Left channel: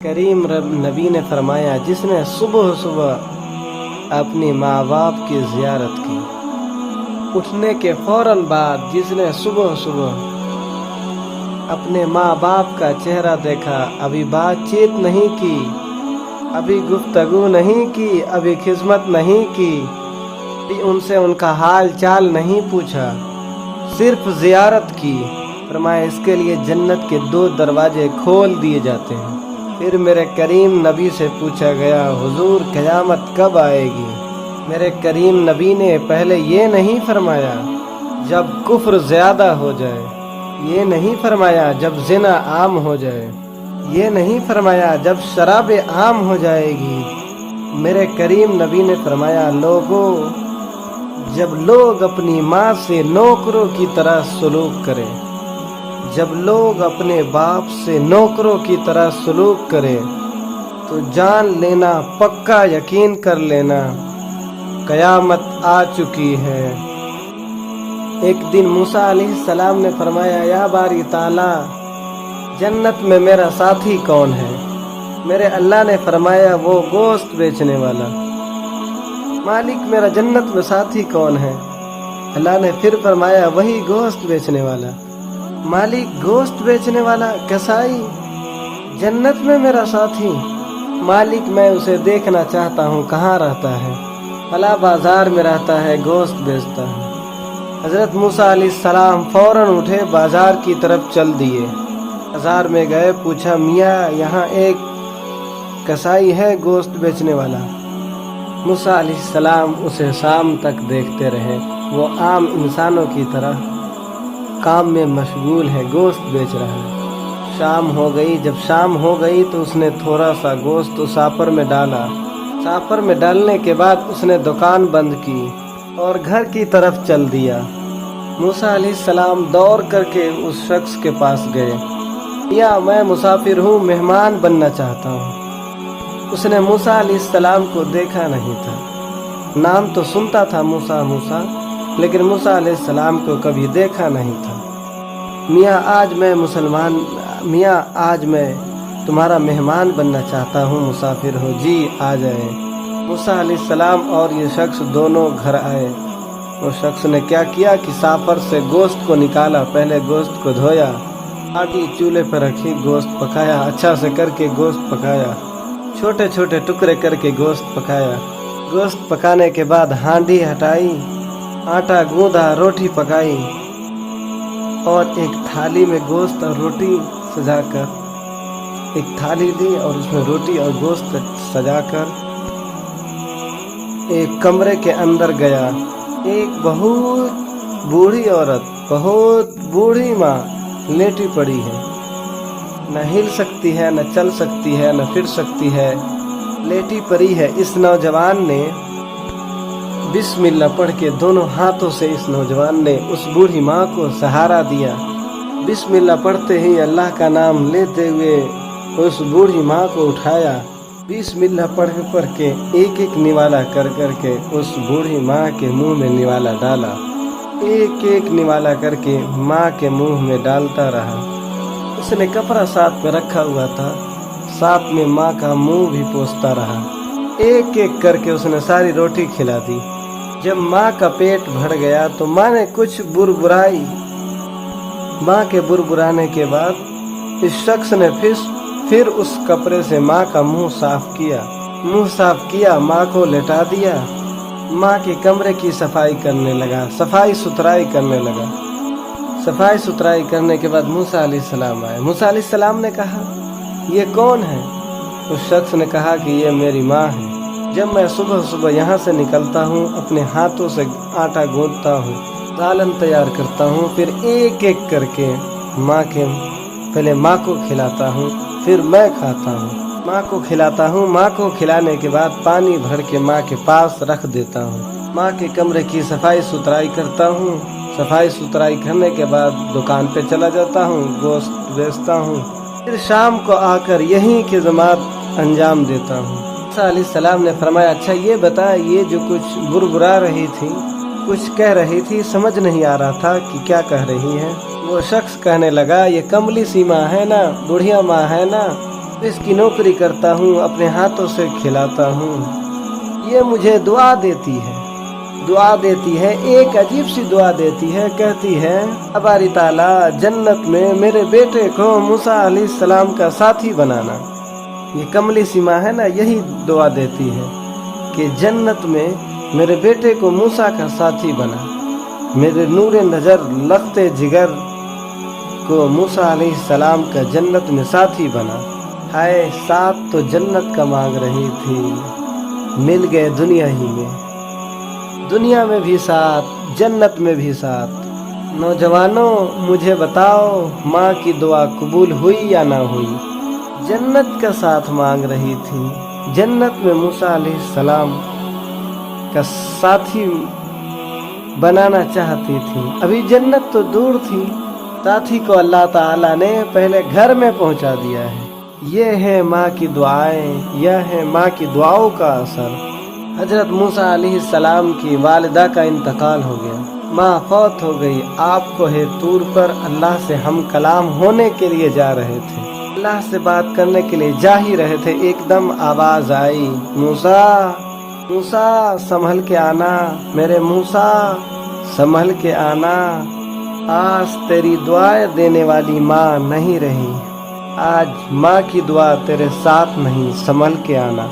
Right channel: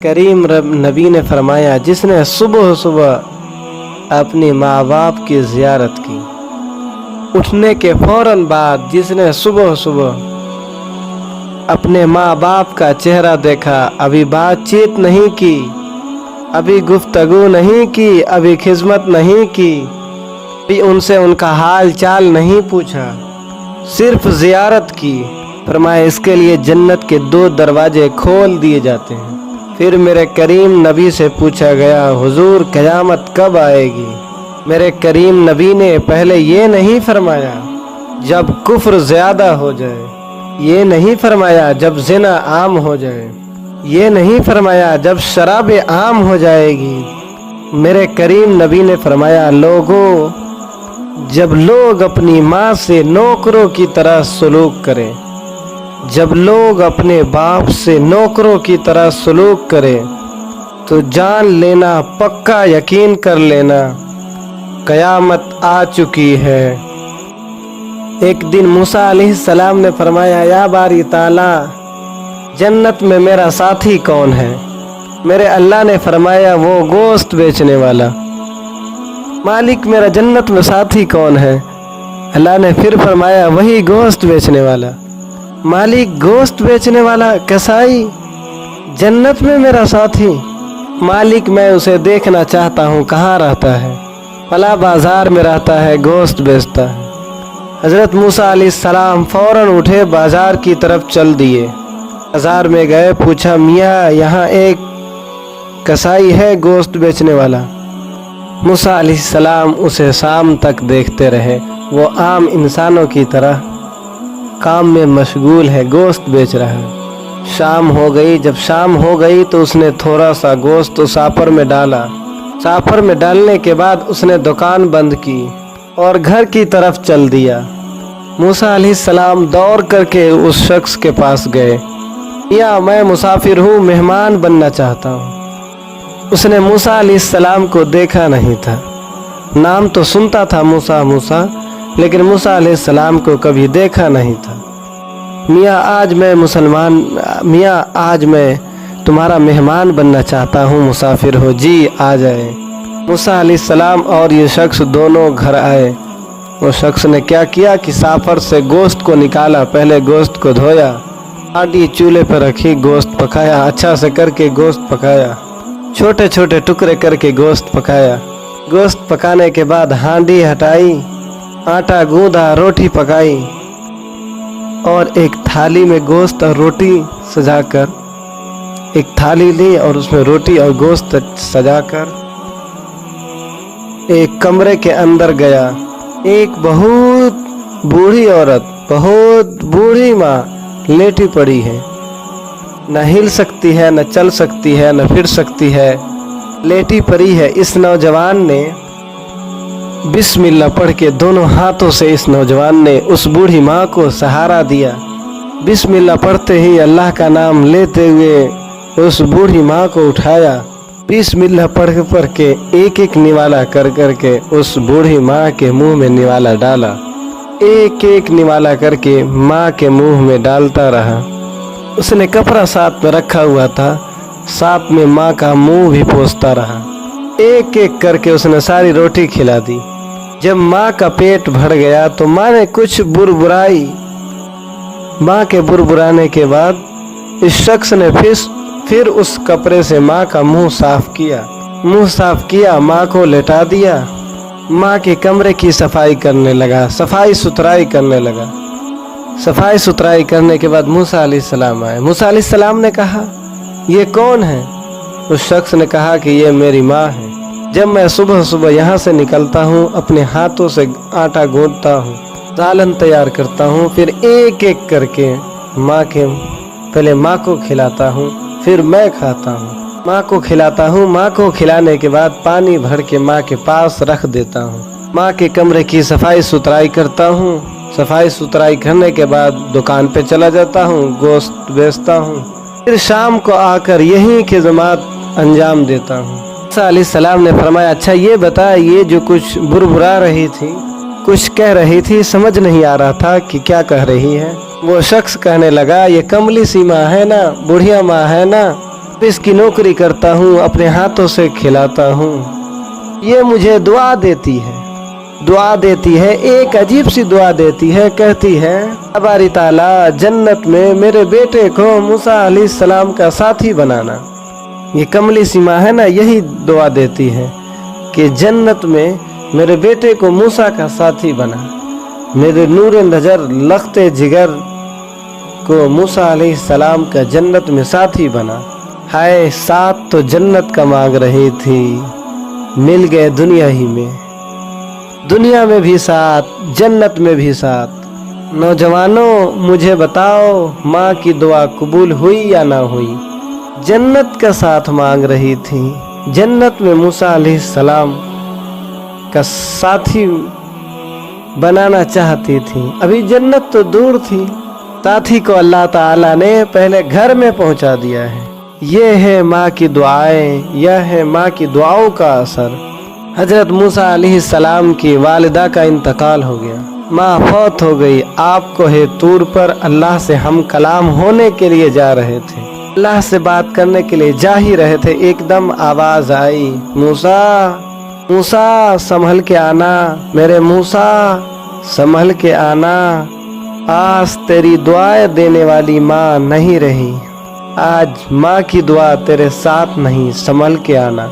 करीम नबी ने फरमाया, जिसने सुबह सुबह अपने माँ बाप की ज़ियारत की, उठने के फौरन बाद जिसने सुबह सुबह अपने माँ बाप का चेहरा देखा, अभी बातचीत नहीं की, अभी गुफ्तगू नहीं की, अभी खिदमत नहीं की, अभी उनसे उनका हाल चाल नहीं पूछा, सिर्फ ज़ियारत की, फरमाया इसके लिए जन्नत के 2 दरवाजे खोल दिए जाते हैं। फिर मेरे करीम नबी से पूछा गया, हुजूर क़यामत कब आएगी? मेरे करीम नबी ने पहले ये नहीं फरमाया जब कुफ्र ज़्यादा हो जाए, ये नहीं फरमाया जब ज़िना आम हो जाए, ये नहीं फरमाया जब शराब आम हो जाएगी। मेरे करीम नबी ने फरमाया, लोगों, जब लोग अपनी माँ से नौकरों की तरह सलूक करें, जब लोग अपने बाप से नौकरों की तरह सलूक करें, तो जान लेना, पक्का यकीन कर लेना, क़यामत आ चुकी है। एक दिन मूसा अलैहिस्सलाम ने फरमाया, या बारी ताला, जन्नत में मेरा साथी कौन है? मेरे अल्लाह ने फरमाया, वो गोश्त बेचने वाला। मालिक, मेरा जन्नत में साथी कौन है? अल्लाह ने फिर फरमाया, वही गोश्त बेचने वाला। मालिक, गोश्त बेचने वाला कसाई जन्नत में मेरा साथी? मालिक, मैं उसे देखना चाहता हूँ, कहाँ रहता है? फला बाजार में रहता है, गोश्त बेचता है। हज़रत मूसा अलैहिस्सलाम फौरन उठे, बाजार की तरफ चल दिए। बाजार में गए, पूछा, मियाँ यहाँ एक कसाई है गोश्त बेचने वाला? मूसा अलैहिस्सलाम उसे शाम तक देखते रहे। वो आम इंसानों की तरह काम में मशगूल है, गोश्त बेच रहा है। शाम हो गई। जब शाम हो गई तो उसने थोड़ा सा गोश्त तो सापर में डाला। सापर में डालने के बाद उसने दुकान बंद की और घर की तरफ चल दिया। मूसा अलैहिस्सलाम दौड़ करके उस शख्स के पास गए, या मैं मुसाफिर हूँ, मेहमान बनना चाहता हूँ। उसने मूसा अलैहिस्सलाम को देखा नहीं था, नाम तो सुनता था मूसा मूसा, लेकिन मूसा अलैहिस्सलाम को कभी देखा नहीं था। मियाँ आज मैं तुम्हारा मेहमान बनना चाहता हूँ, मुसाफिर हो? जी, आ जाए। मूसा अलैहिस्सलाम और ये शख्स दोनों घर आए। वो शख्स ने क्या किया कि साफर से गोश्त को निकाला, पहले गोश्त को धोया, आटी चूल्हे पर रखी, गोश्त पकाया, अच्छा से करके गोश्त पकाया, छोटे छोटे टुकड़े करके गोश्त पकाया। गोश्त पकाने के बाद हांडी हटाई, आटा गूंदा, रोटी पकाई और एक थाली में गोश्त और रोटी सजाकर, एक थाली ली और उसमें रोटी और गोश्त सजाकर एक कमरे के अंदर गया। एक बहुत बूढ़ी औरत, बहुत बूढ़ी माँ लेटी पड़ी है, न हिल सकती है, न चल सकती है, न फिर सकती है, लेटी पड़ी है। इस नौजवान ने बिस्मिल्लाह पढ़ के दोनों हाथों से इस नौजवान ने उस बूढ़ी माँ को सहारा दिया। बिस्मिल्लाह पढ़ते ही, अल्लाह का नाम लेते हुए उस बूढ़ी माँ को उठाया। बिस्मिल्लाह पढ़ के एक एक निवाला कर करके उस बूढ़ी माँ के मुंह में निवाला डाला। एक एक निवाला करके माँ के मुंह में डालता रहा। उसने कपड़ा साथ में रखा हुआ था, साथ में माँ का मुंह भी पोंछता रहा। एक एक करके उसने सारी रोटी खिला दी। जब माँ का पेट भर गया तो माँ ने कुछ बुरबुराई। माँ के बुरबुराने के बाद इस शख्स ने फिर उस कपड़े से माँ का मुंह साफ किया। मुंह साफ किया, माँ को लेटा दिया, माँ के कमरे की सफाई करने लगा, सफाई सुथराई करने लगा। सफाई सुथराई करने के बाद मूसा अलैहिस्सलाम आए। मूसा अलैहिस्सलाम ने कहा, ये कौन है? उस शख्स ने कहा कि ये मेरी माँ है। जब मैं सुबह सुबह यहाँ से निकलता हूँ, अपने हाथों से आटा गूंथता हूँ, सालन तैयार करता हूँ, फिर एक एक करके पहले माँ को खिलाता हूँ, फिर मैं खाता हूँ। माँ को खिलाता हूँ, माँ को खिलाने के बाद पानी भर के माँ के पास रख देता हूँ। माँ के कमरे की सफाई सुथराई करता हूँ। सफाई सुथराई करने के बाद दुकान पे चला जाता हूँ, गोश्त बेचता हूँ, फिर शाम को आकर यही खिदमत अंजाम देता हूँ। मूसा अलैहिस्सलाम ने फरमाया, अच्छा ये बता, ये जो कुछ बुरबुरा रही थी, कुछ कह रही थी, समझ नहीं आ रहा था कि क्या कह रही है। वो शख्स कहने लगा, ये कमली सी माँ है ना, बुढ़िया माँ है ना, इसकी नौकरी करता हूँ, अपने हाथों से खिलाता हूँ। ये मुझे दुआ देती है, एक अजीब सी दुआ देती है। कहती है, बारी ताला जन्नत में मेरे बेटे को मूसा अलैहिस्सलाम का साथी बनाना। ये कमली सी माँ है ना, यही दुआ देती है कि जन्नत में मेरे बेटे को मूसा का साथी बना, मेरे नूर नजर लखते जिगर को मूसा अलैहिस्सलाम का जन्नत में साथी बना। हाय, साथ तो जन्नत का मांग रही थी, मिल गए दुनिया ही में, दुनिया में भी साथ, जन्नत में भी साथ। नौजवानों मुझे बताओ, माँ की दुआ कबूल हुई या ना हुई? जन्नत का साथ मांग रही थी, जन्नत में मूसा अलैहिस्सलाम का साथी बनाना चाहती थी। अभी जन्नत तो दूर थी, साथी को अल्लाह ताला ने पहले घर में पहुंचा दिया है। ये है माँ की दुआएं, यह है माँ की दुआओं का असर। हजरत मूसा अलैहिस्सलाम की वालिदा का इंतकाल हो गया, माँ फौत हो गई। आपको है तूर पर अल्लाह से हम कलाम होने के लिए जा रहे थे, अल्लाह से बात करने के लिए जा ही रहे थे। एकदम आवाज आई, मूसा मूसा संभल के आना, मेरे मूसा संभल के आना। आज तेरी दुआएं देने वाली माँ नहीं रही, आज माँ की दुआ तेरे साथ नहीं, संभल के आना।